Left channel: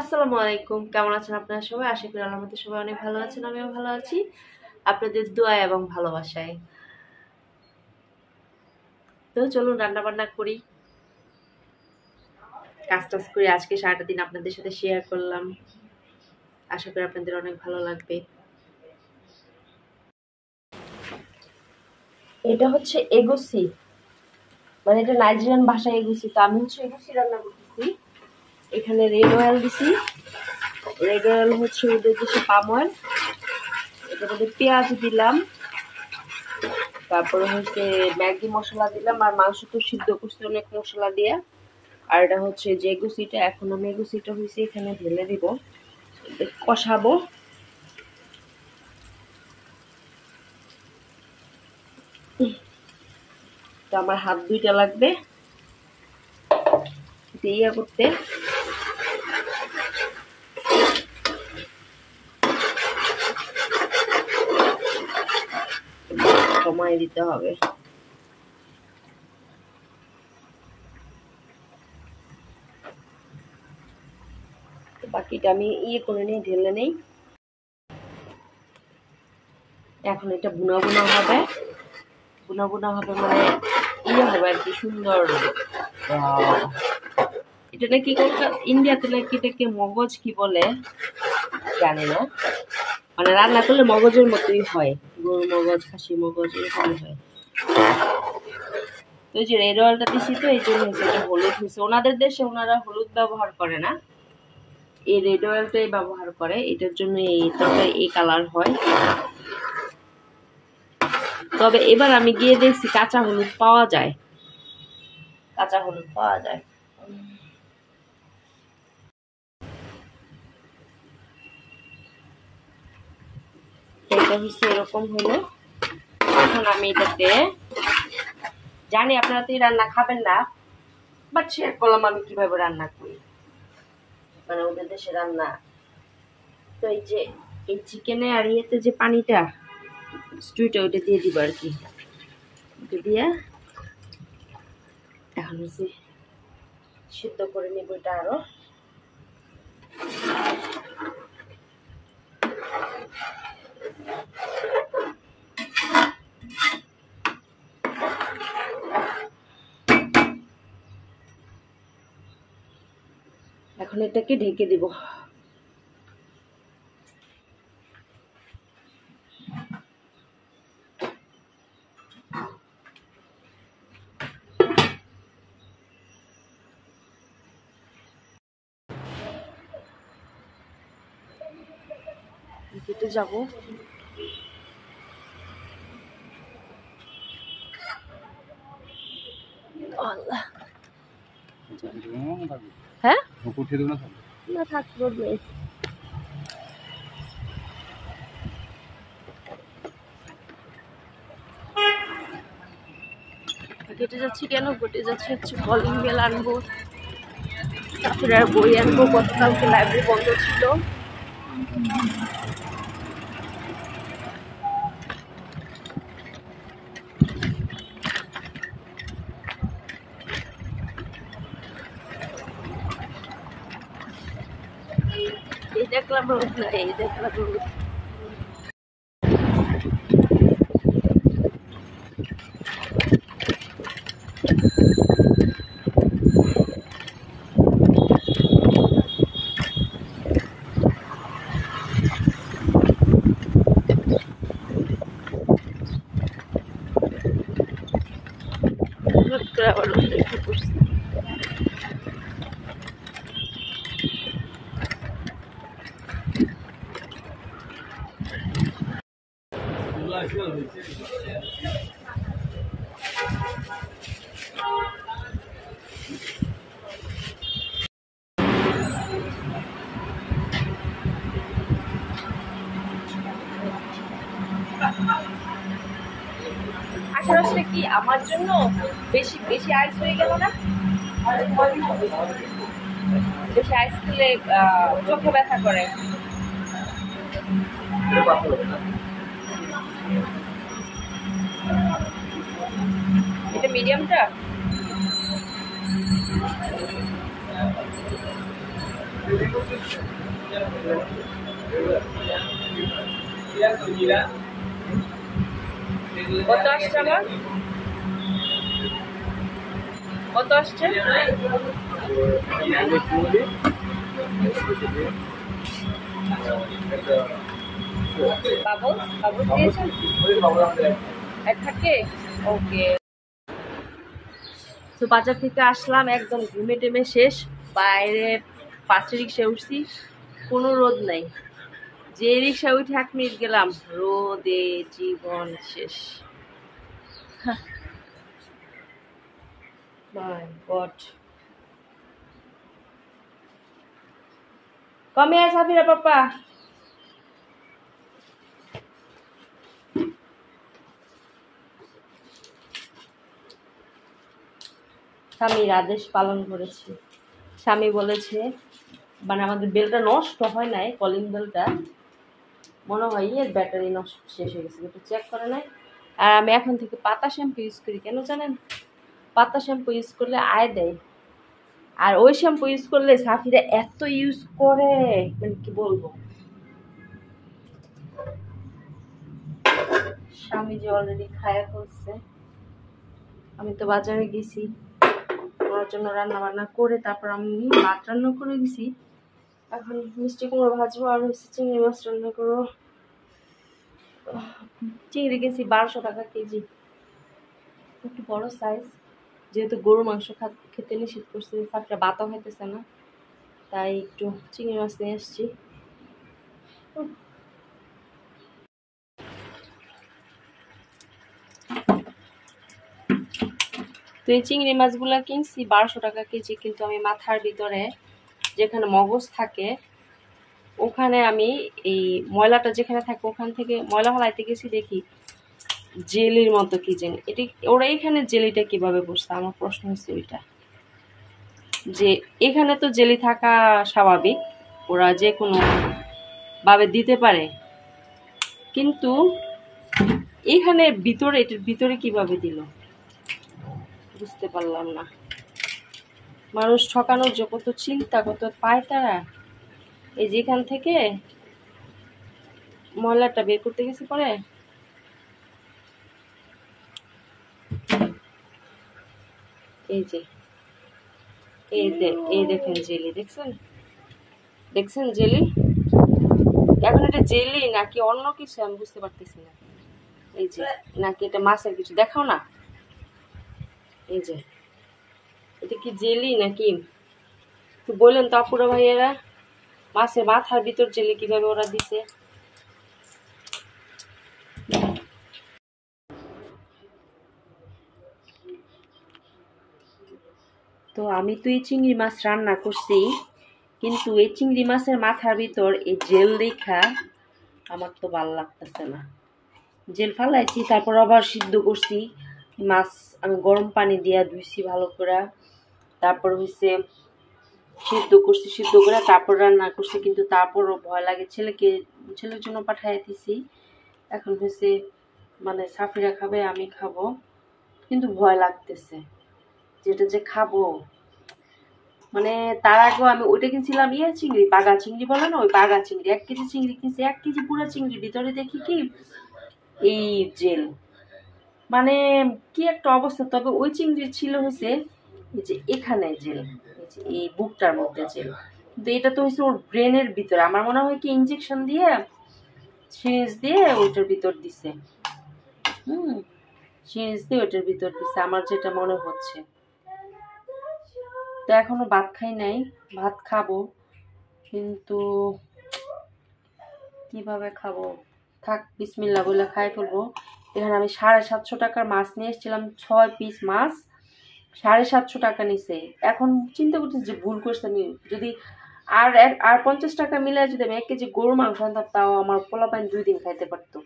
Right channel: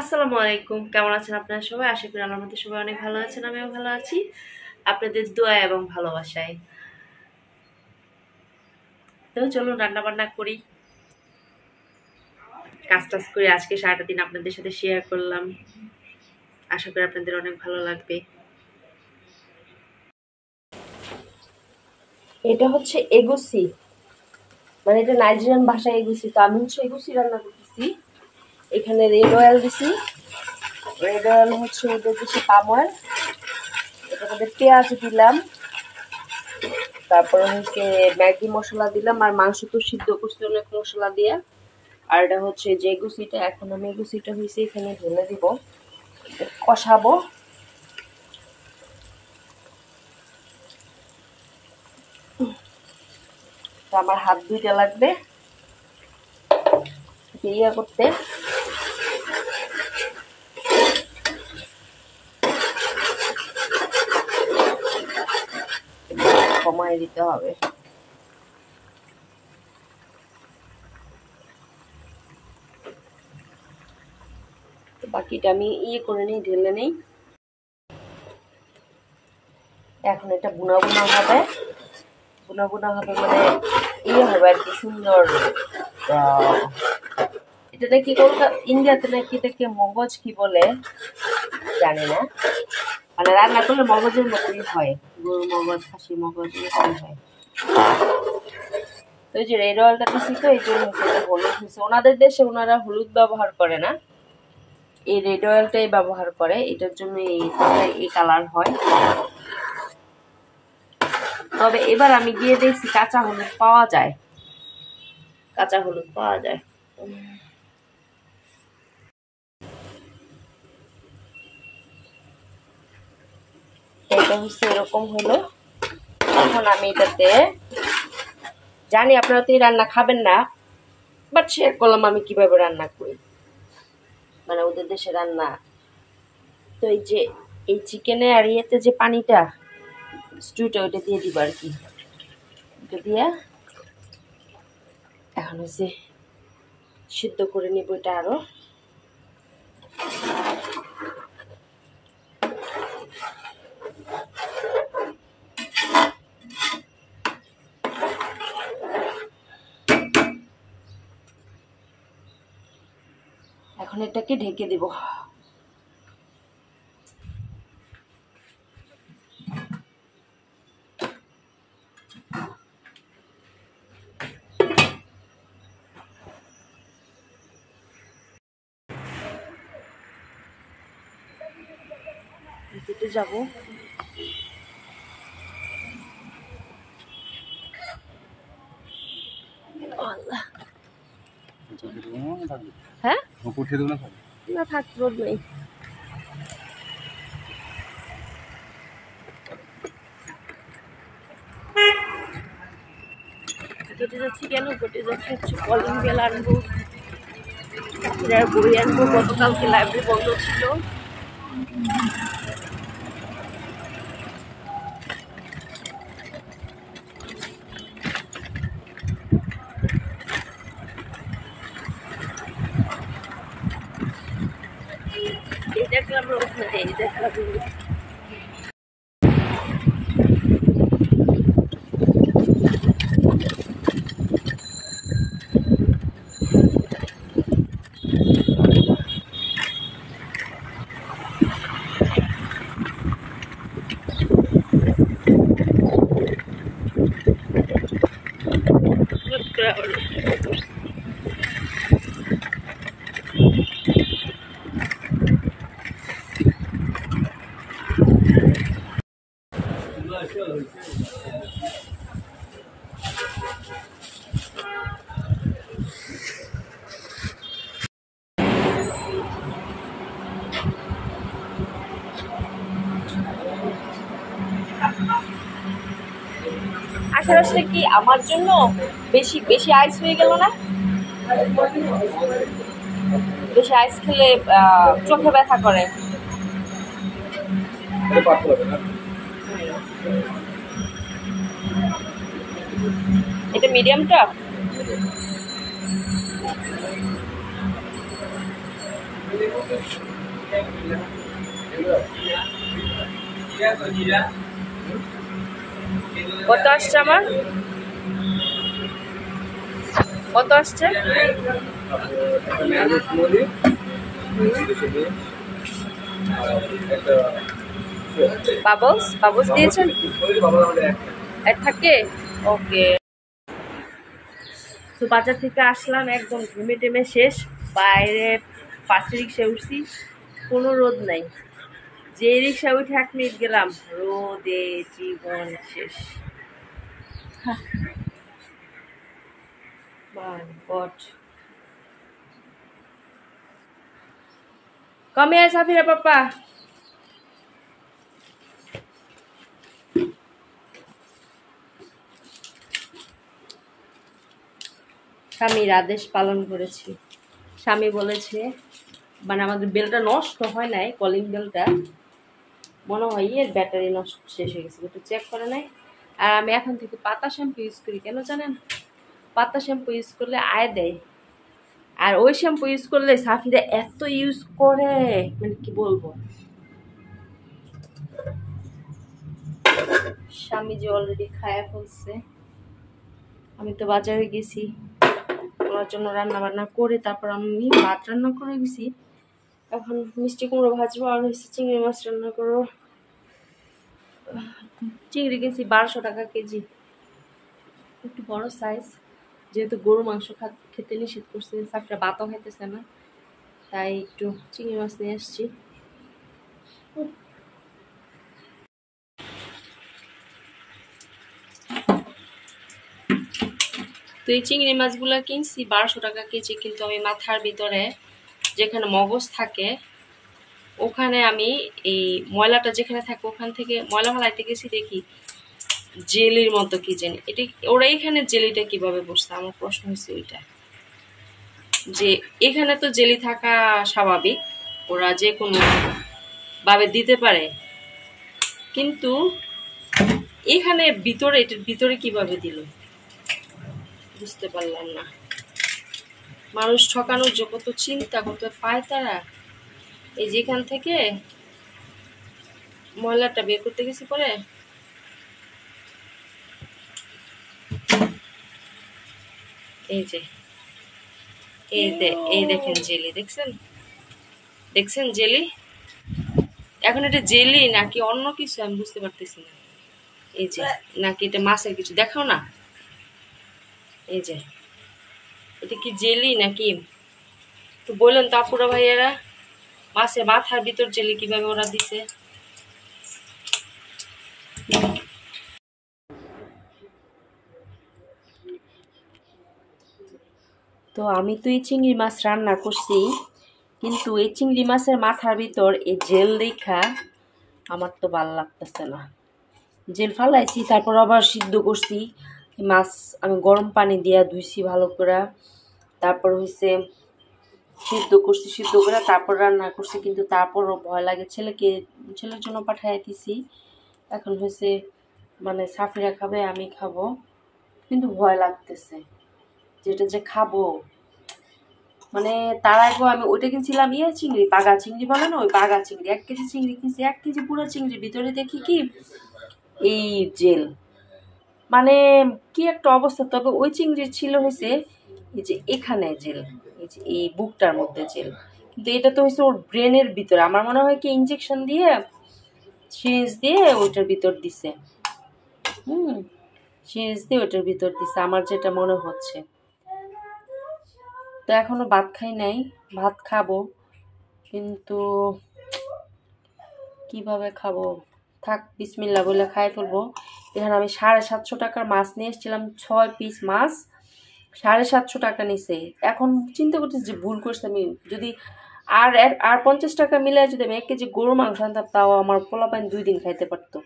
আসসালামু আলাইকুম। কেমন আছেন আপনারা সবাই? আশা করি আল্লাহর মধ্যে সবাই অনেক ভালো আছেন, আমিও ভালো আছি আপনাদের দোয়া এবং ভালোবাসায়। তো চলুন রান্না বান্না করি, কাজ টাজ করি। আজকে সারাটা দিন আপনাদের সাথে শেয়ার করলাম, আশা করি আপনাদের অনেক ভালো লাগবে। এটা হচ্ছে এগুসি, মানে এটা নাইজেরিয়ান ভাষায় এগুসি। তো আমি হচ্ছে এগুসি রান্না করতেছি। এখানে রেড অয়েল দিছি। রেড অয়েল হচ্ছে ওদের দেশে পাম অয়েল। এটার মধ্যে পেঁয়াজ দিলাম, তারপরে হচ্ছে ম্যাগি মশলা দিলাম, আর মাংস তো সিদ্ধ করছি অনেক মশলা দিয়ে। আর এটা হচ্ছে যে এগুসিটা, এখন আমি এগুসিটা হয়েছে এখানে ঢেলে দিব, কষাবো। তো আমার হাত দুইটা লাগবে ইয়া করতে। সময় দিতে হবে। তো বাকিটা আমি ইয়ে করে নিই, ঢেলে নেই। এখন এটা বুনা বুনা হবে, বুনা বুনা হবে মানে ইয়ে হবে আর কি, সুন্দর। এটা নাকি কলকাতা ইন্ডিয়াতে নাকি এটাকে মগজ কি বলে জানি না, মানে রান্না করলে মগজের মতোই হয়, গরুর মগজ খাসি মগজ এরকমই হয়। তো এই যে রেড অয়েলটা দিছি, তো এই জন্য এটা হলুদ হয়েছে। ওনাদের দেশে ওনারা হলুদ ব্যবহার করে না, এই রেড অয়েলটাই ব্যবহার করে, এটার জন্য এই কালার হয়। তবে এবার আমি গিয়ে দেখছি কাঁচা হলুদ পাওয়া যায়, কাঁচা হলুদ পাওয়া যায়। এটা হচ্ছে এরকম হলো। এখন আমি এটাতে, জানি আপনারা তো এই রান্না খাবেন না, বাট শেয়ার করলাম আমি কিভাবে রান্না করি, মানে ওদের দেশে রান্না। তো এই যে এই চিকেনে আর ইয়েতে যে পানিটা স্টুটা, ওইটা দিয়ে দিব আর কি। ওইটা দিয়ে এখন হচ্ছে সিদ্ধ করে নিব এটা আরো। এখন এটাকে ঢেকে দিব। দিতে যাব। আল্লাহ, হ্যাঁ না থাক, রোদ নেই। কেটে যাচ্ছি কেন? কেটে যাচ্ছি হচ্ছে কলিং বেল আনবো, তারপরে আর বই আনবো। গতকালকে লাইব্রেরি বন্ধ ছিল। এই দেখলাম রোদ না, এই দেখলাম রোদ। আবার রোদ করছে। আসলে কি আমার জন্য বেশি বেশি আইস হয়ে গেল না? বেশি আইস খেলে চোখে ব্যথা করে। এটা মিডিয়ামটা। কত আসছে আমার? কত আসছে? বাবলস বাবলস দিয়েছেন? এড থাকে? ওকে। তো বাজার থেকে আসলাম একদম ঘুমে টেমে শেষ। বাইরে ফার্স্ট রিক্সায় উঠছি, কোনো রোদ নাই। যে রিক্সা উঠে 1 মিনিট গেলাম, রোদে জীবন শেষ। মাই god. Come here, Safira Papa. স্বামীর আদেশ পালন করেছি। স্বামী বলেছে, মানে আমাদের বেলটা নষ্ট হয় নাই, কলিং বেলটা মনে হয় এর ব্যাটারি নষ্ট শেষ হয়ে গেছে, একটু চেক করে নাই। আর আমি এখন থেকে পাতা শ্যাম্পু ইউজ করি, কেন জানেন? পাতা শ্যাম্পু ইউজ করলে আয় দেয়, আর ওই শ্যাম্পু ইউজ করলে সাফিরা এত ইউজ করে, মানে কি বলবো। স্বামী যে অলরেডি খায়া ফেলছে। আমি তো বাজারে গেছি ওনার জন্য রান্না বান্না করে, তারপর আমি ভাত রান্না করে গেছি। এখন মিষ্টি কুমড়ো ভাজবো, আর হচ্ছে চিংড়ি মাছ রান্না করবো। চিংড়ি কিনছি 1200 টাকা কেজি, একটু বড় সাইজ। যেহেতু গরু মাংস খেতে নিষেধ করছে, সাফিরা ভাতও খাইতেছে না, তাই একটু চিংড়ি মাছ নিয়ে আসছি। তো এই চিংড়ি মাছগুলো কিনছি 1200 টাকা কেজি, কিন্তু আমি মাথার ভিতরে যেখানে মগজ থাকে ওখানে আমি এই ময়লাটা যেখানে থাকে ওখান থেকে ময়লা ফেলাইতে গেছি, দেখি জেলির মতো কি জানি। এটা ওরা এখানে জেলিটা কিভাবে বসছে, আমার প্রশ্ন হচ্ছে ওইটা, যে এখানে তো জেলি থাকা স্বাভাবিক, ওরা যে কোনো ভাবে দিতে পারে, কিন্তু এখানে ভিতরে, এটার ভিতরে কিভাবে দিল বুঝতে পারলাম না। মানুষ ঠকানোর যে কত চিন্তা, কত পায় তারা। এই যেখান থেকে ময়লাটা বের করতে গেছি পরে, এই যে এই দেখেন জেলি, দেখছেন জেলি। এখন এটা জেলি নাকি অন্য কিছু আমি বুঝতে পারতেছি না। এই যে নাকি এটা মাছের কিছু, দেখাও না। এই যে এটা কি জেলি নাকি তো বললেন তো আপুরা ভাইয়ারা, মাছের মাথার ভিতর জেলি কিভাবে ওরা দিছে। তো আমি তো এই চিংড়ি মাছ রান্না করছি, কিন্তু এই চিংড়ি মাছের মাথার ভিতর এই জেল দেখা আমার তো ভালো লাগতেছে না। জেল ফালাইছি, তারপর আবার সিদ্ধ করছি মাছ, আমি গরম পানি দিয়া ধুইছি ভালো করে, তারপর হচ্ছে সিদ্ধ করছি, সিদ্ধ করে তারপর রান্না করছি। কিন্তু তারপরও ভয় লাগে, ছেলের জন্য পাঠাই দিছি। এখন হচ্ছে মানে সাফিরা খাবে, আমি খাবো, কিন্তু ভয় লাগতেছে যেটা যে খাবো। মানে তার আগেও আমি ওইটা কিনছিলাম, চিংড়ি, পাগা চিংড়ি বলে না, ওই পাগা চিংড়ি 1 কেজি চিংড়ি কিনছি। 1 কেজি পুরো চিংড়ির ভিতরে দেখি কি এই জেল, মানে কি একটা অবস্থা। তবে ওই চিংড়ির ছিল হয়েছে এই যে এখানে জেল, এই যে এই বুকটার মধ্যে জেল, কিন্তু এটা তো হয়েছে ওর ব্রেনের ভিতরে। আমার মনে হয় কি ইঞ্জেকশন দিয়ে, সিরিঞ্জ দিয়ে ওইটার ভিতর দিছে, সিরিঞ্জ দিয়ে ওইটার ভিতর দিছে, আমার যেটা মনে হচ্ছে। তো এখনো ভাত খাই নাই, ভাত খাবো, কিন্তু কিভাবে খাবো, থাক বিসমিল্লাহ বলে খাই ফেলবো। এখানে আমি 750 টাকার মাছ নিয়ে এসেছিলাম, 6 পিস মাছ 750 টাকা নিছে। এখন চিন্তা করতেছি যে ভুল করছি আমি, যদি আর 50 টাকা মিলে যদি আমি 1 কেজি গরু মাংস আনতাম, তাও আমার পোলাপাইন 2 দিন খাইতে পারতো।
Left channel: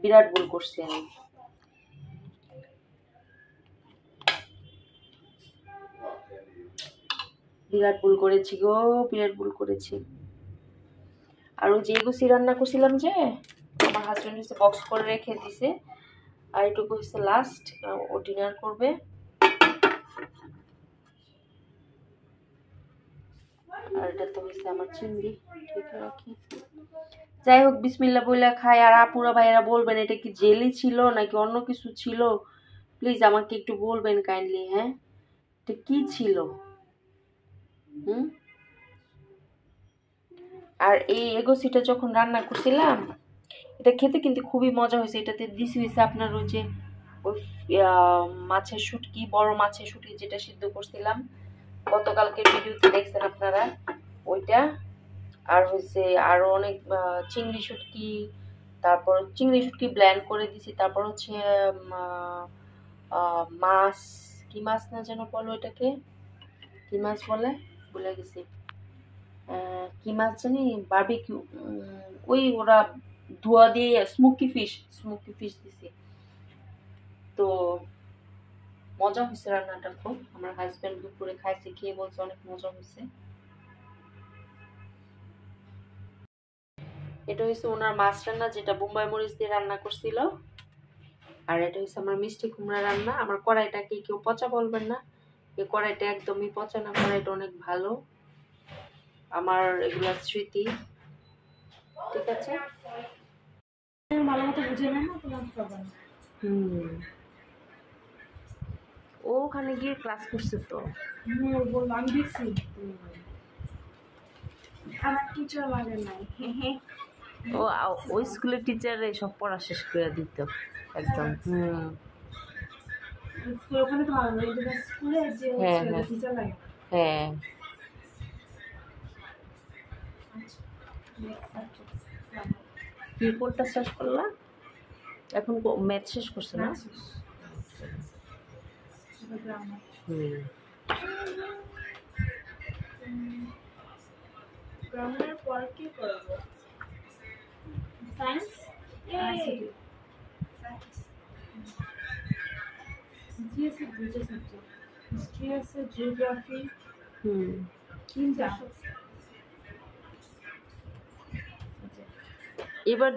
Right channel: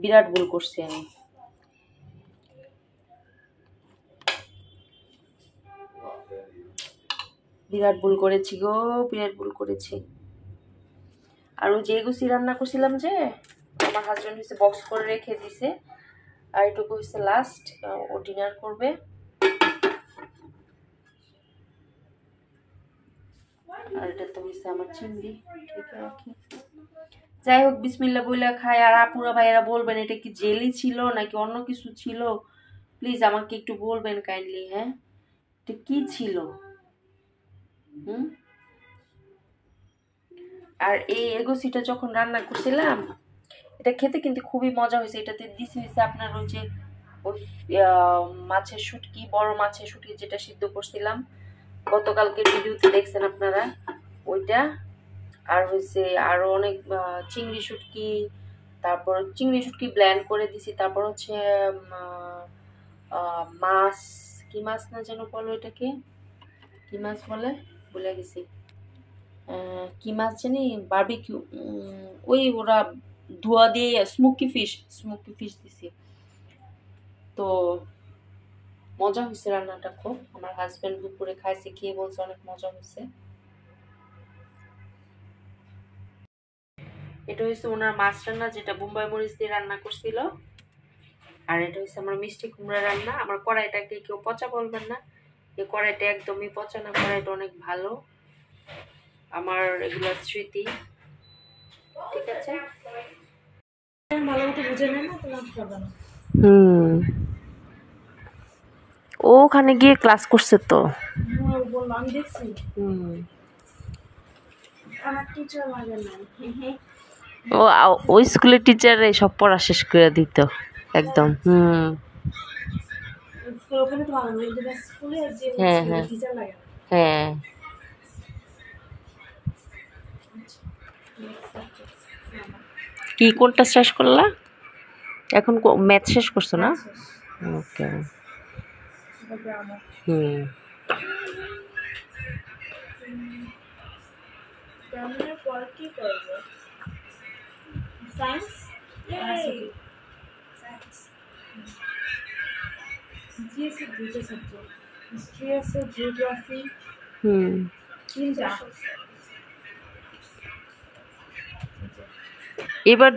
বিরাট ভুল করছি আমি, বিরাট ভুল করেছি গো, বিরাট ভুল করেছি। আর ওই যে গুছি রান্না করছিলাম, যে আমার হাজবেন্ড হচ্ছে বক্স করে রেখে দিছে, আর এটুকু হচ্ছে লাস্ট, ও ডিনার করবে। আর এটা তো হয়েছে আমার চিংড়ি, ঠিক রাখি। যাই হোক, বিসমিল্লাহ বইলা খাই। আর আপুরা ভাইয়েরা বলবেন এটা কি জেলি ছিল নাকি অন্য কিছু ছিল, প্লিজ আমাকে একটু বলবেন কাইন্ডলি। হ্যাঁ, এটা কি ছিল? আর এই এগোসিটা যখন রান্না করছিলাম, এটা খেতে কিন্তু খুবই মজা হয়েছে। এটাতে দিছি হয়েছে আপনার ওই যে ওই মাছের শুটকি, বড় মাছের শুটকি যেটা সিদ্ধ করছিলাম গতকালকে ভিডিওতে দেখছেন আপনারা, ওইটা। আর হয়েছে আরো অনেক চিংড়ি শুটকি, তারপর চিংড়ি শুটকি ব্ল্যান্ড করে দিছি। তারপর হচ্ছে মাছ, কি মাছ না যেন বলো এটাকে, কি মাছ বলে ভুলে গেছি, কি মাছ জানি, বারবিকিউ, ওই ওরা ধোয়া দিয়ে স্মোকি ফিশ দিছি। তো মজা হয়েছে রান্নাটা খুব। আমার হাজবেন্ড দুপুরে খাইছে, খেয়ে বলছে অনেক মজা হয়েছে। এটা হচ্ছে ওনার মাছ রান্না, যেটা বোম্বাই মরিচ দিয়ে রান্না করছিল। আর এটা হচ্ছে আমার মিষ্টি কুমড়া রান্না। আমার কড়াইটাকে কেউ পচা বলবেন না, এই কড়াইটা একদমই পচা না, কড়াইটা অনেক ভালো। আমার এগুলা স্মৃতি, ঠিক আছে। ভালো মতো বুঝে নেয় না, তোমার প্রবলেম। ওখানে গিয়ে ক্লাস করছে তো। বললাম আমি দেখছি। আমার টিচার লাগে নাই। ওই স্কুলের টিচারে সব পড়া শেষ করে দিত একদম। স্কুল ওখানে তো ভালো না, এই স্কুলে যে টিচার লাগে না। হ্যাঁ, কি কোনটা শেষ করলা এখন? ম্যাথ শেষ করছো না? ওকে। পর কি করবো? সায়েন্স, জিএসসি দুটো সাবজেক্ট, হিস্ট্রি আছে, জিওগ্রাফি, তিনটা। এবার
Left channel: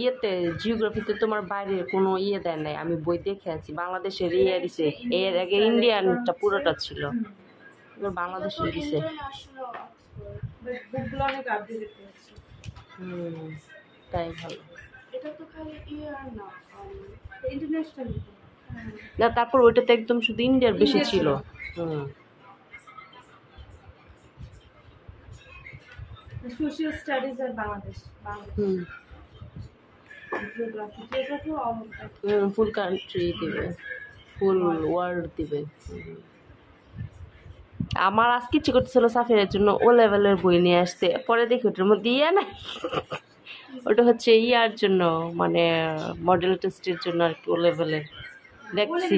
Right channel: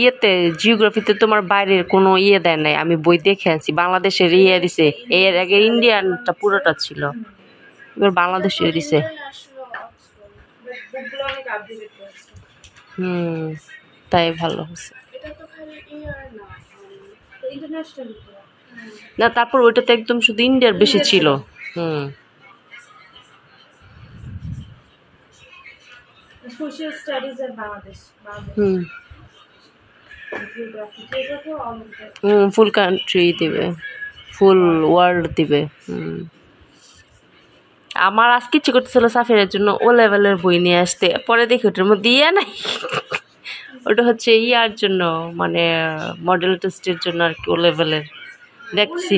ইয়েতে জিওগ্রাফিতে তোমার বাইরের কোনো ইয়ে দেয় নাই, আমি বই দেখে আছি। বাংলাদেশের ইয়ে দিছে, এর আগে ইন্ডিয়ানটা পুরোটা ছিল, এবার বাংলাদেশের দিছে। তাই ভালো হয়েছে। না, তারপর ওইটাতে একদম শুধু ইন্ডিয়ার বেশি ছিল। সোশ্যাল স্টাডিজ এর বাংলাদেশ, ফুল কান্ট্রি দিবে, ফুল ওয়ার্ল্ড দিবে। আমার আজকে ইচ্ছে করতেছিল সাফিরের জন্য ও লেভেলের বই নিয়ে আসতে, পরে দেখি ওটার মধ্যে ইয়ে নাই। ওটা হচ্ছে ইয়ার জন্য, মানে মডেল টেস্টের জন্য আর কি, ও লেভেলের দেখছি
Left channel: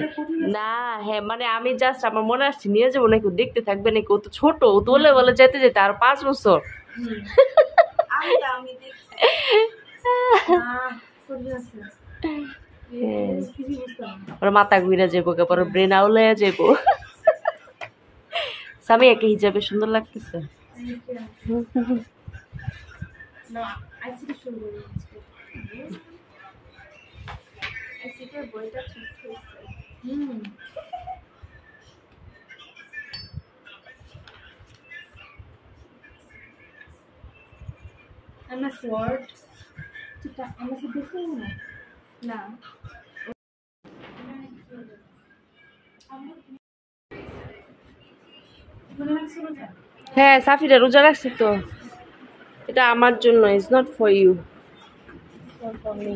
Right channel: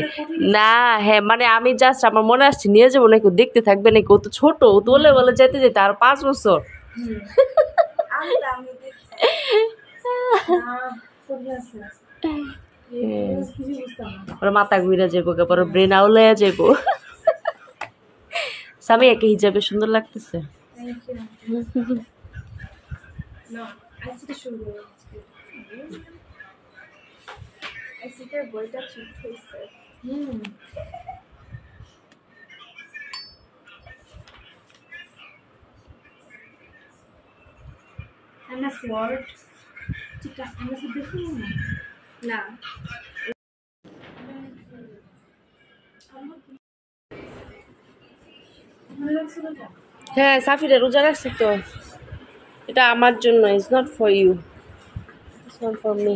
না। হ্যাঁ, মানে আমি জাস্ট আমার মনে আসছে নিয়ে যাবো নাকি, দেখতে থাকবে নাকি, ও তো ছোট, ও তো ও লেভেলে যেতে যেতে আর 5 বছর। ওর মাথা ঘুরে যাবো, পরে ব্রেন আউলে যাবো। সামিয়াকে হিজাবে সুন্দর লাগতেছে। MS Word, ঠিক আছে, MS দেখো না। হ্যাঁ, সাফিরা রোজা রাখছি তো, এটা আমার জন্য, it's not for you, it's not for me.